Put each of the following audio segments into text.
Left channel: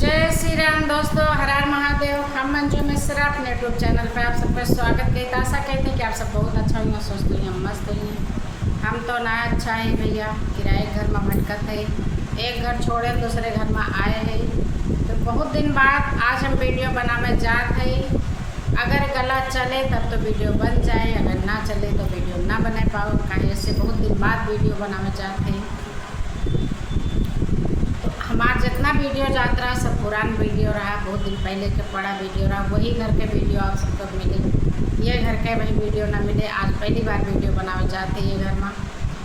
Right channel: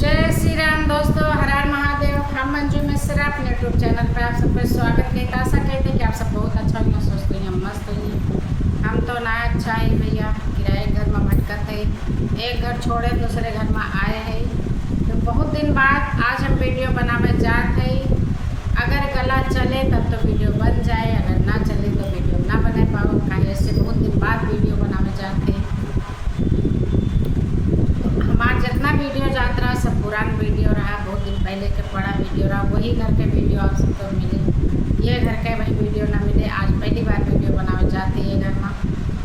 जय श्री राम दोस्तों, हर हर महादेव। हम मंजू मिश्रा अपने यूट्यूब चैनल पर आप सबका स्वागत करते। आशा कहते हैं कि आप सब बहुत अच्छा होंगे, सोचते हैं हम मस्त होंगे। हम तो ना अच्छा है भैया, किराए घर में भटकत है, एक घर छोड़े दूसरे घर में आए हैं। तो बहुत दिन बाद आज हम वीडियो बनाने जात है। अगर गला चले तब तो वीडियो बन जाए, अगर ना चले तो वीडियो ना बना पाओ। कहीं ऐसे बहुत दिन बाद वीडियो बनाने जाते हैं। हमारा जितना वीडियो जाता रहा सब पुराना वीडियो रहा, बहुत दिन पहले के पड़ा वीडियो रहा। वही घर के वीडियो आप सबको मिले, ये घर के वही वीडियो ना मिले। आज पहली बार वीडियो बनावे जाते हैं घर में।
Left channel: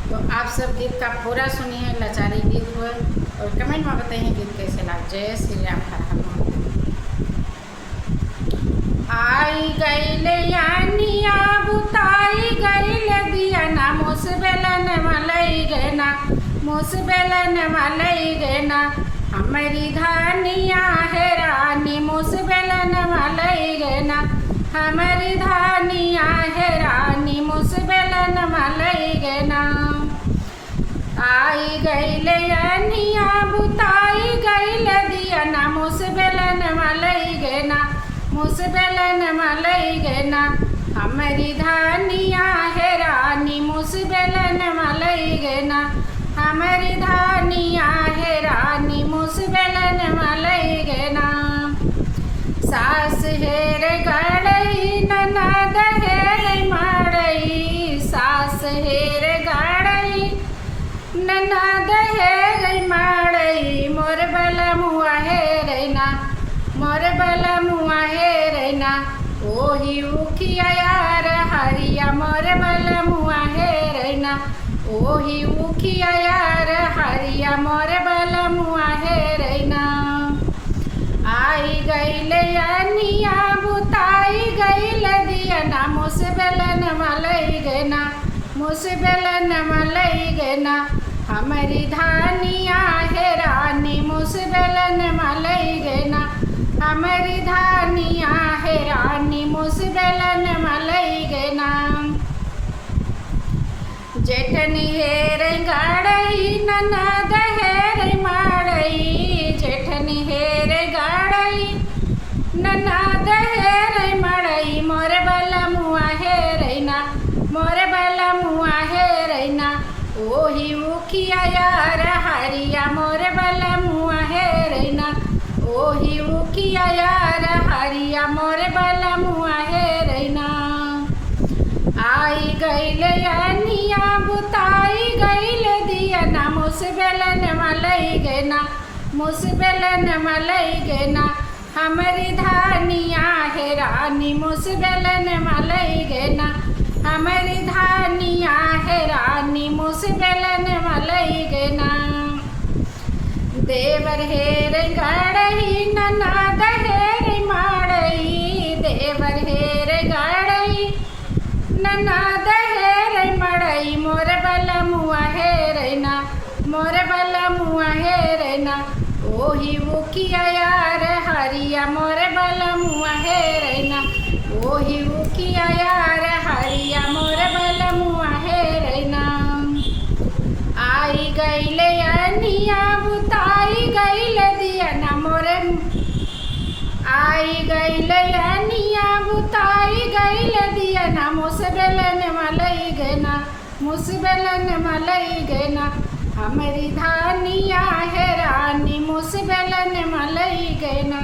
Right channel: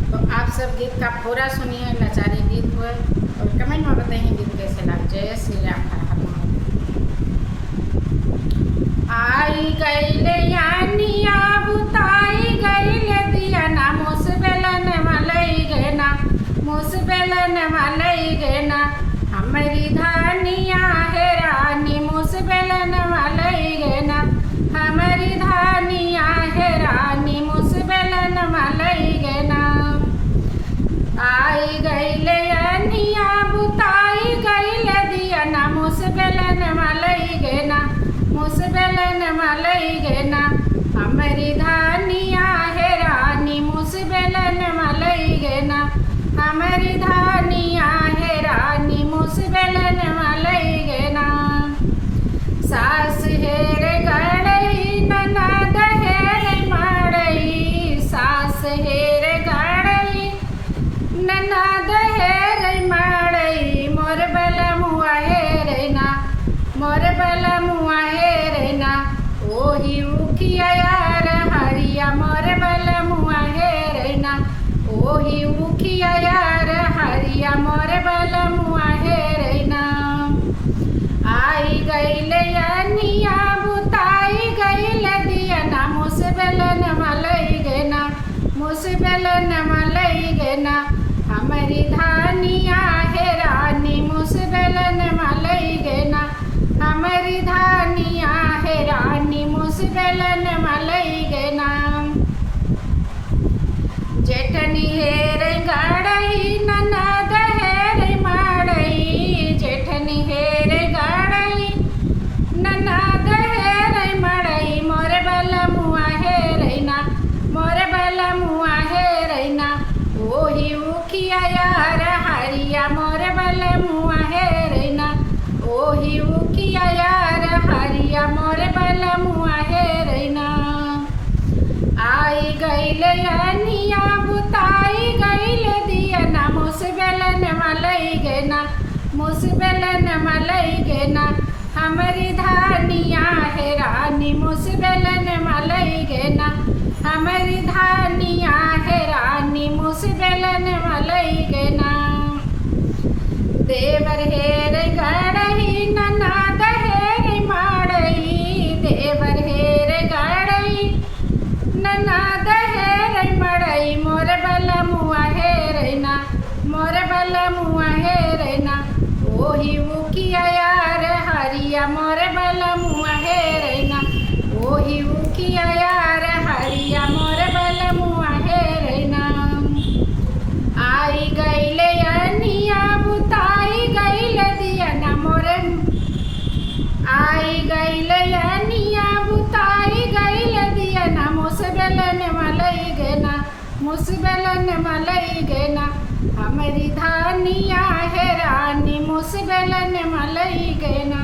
तो आप सब गीत का पूरा सुनिए, लाचारी गीत हुए और कमेंट में बताइए गीत कैसे लग। जय श्री राम, हर हर महादेव। आई गईले यानिया बुताई गईले दिया ना, मुस बेलन मलई गए ना, मुस बेलन मलई गए ना। हमारी धानिया है रानी, मुस बेलन मलई गए ना, हमारी धानिया है रानी, मुस बेलन मलई गए ना। आई गईले यानिया बुताई गईले दिया ना, मुस बेलन मलई गए ना, मुस बेलन मलई गए ना। हमारी धानिया है रानी, मुस बेलन मलई गए ना, हमारी धानिया है रानी, मुस बेलन मलई गए ना। सास हेर गड़ई ननद हेर माड़ई, सास हेर गड़ई ननद हेर माड़ई। मोर बलमुआ हेर ना, मोर बलमुआ हेर ना, ओही उखिया यार हरिया। मोर बलमुआ हेर ना, ओही उखिया यार हरिया। मोर बलमुआ हेर ना। आई गईले यानिया बुताई गईले दिया ना, मुस बेलन मलई गए ना, मुस बेलन मलई गए ना। हमारी धानिया है रानी, मुस बेलन मलई गए ना, हमारी धानिया है रानी, मुस बेलन मलई गए ना। जेठनी हेर गाड़ई ननद हेर माड़ई, जेठनी हेर गाड़ई ननद हेर माड़ई। मोर बलमुआ हेर ना, मोर बलमुआ हेर ना, ओही उखिया यार हरिया। मोर बलमुआ हेर ना, ओही उखिया यार हरिया। मोर बलमुआ हेर ना। आई गईले यानिया बुताई गईले दिया ना, मुस बेलन मलई गए ना, मुस बेलन मलई गए ना। हमारी धानिया है रानी, मुस बेलन मलई गए ना, हमारी धानिया है रानी, मुस बेलन मलई गए ना। देवर हेर गड़ई ननद हेर माड़ई, देवर हेर गड़ई ननद हेर मड़ई। मोर बलमुआ हेर ना, मोर बलमुआ हेर ना, ओही उखिया यार हरिया। मोर बलमुआ हेर ना, ओही उखिया यार हरिया। मोर बलमुआ हेर ना। आई गईले यानिया बुताई गईले दिया ना, मोरे आई गईले यानिया बुताई गईले दिया ना, मुस बेलन मलई गए ना, मुस बेलन मलई गए ना। हमारी धानिया है रानी, मुस बेलन मलई गए ना।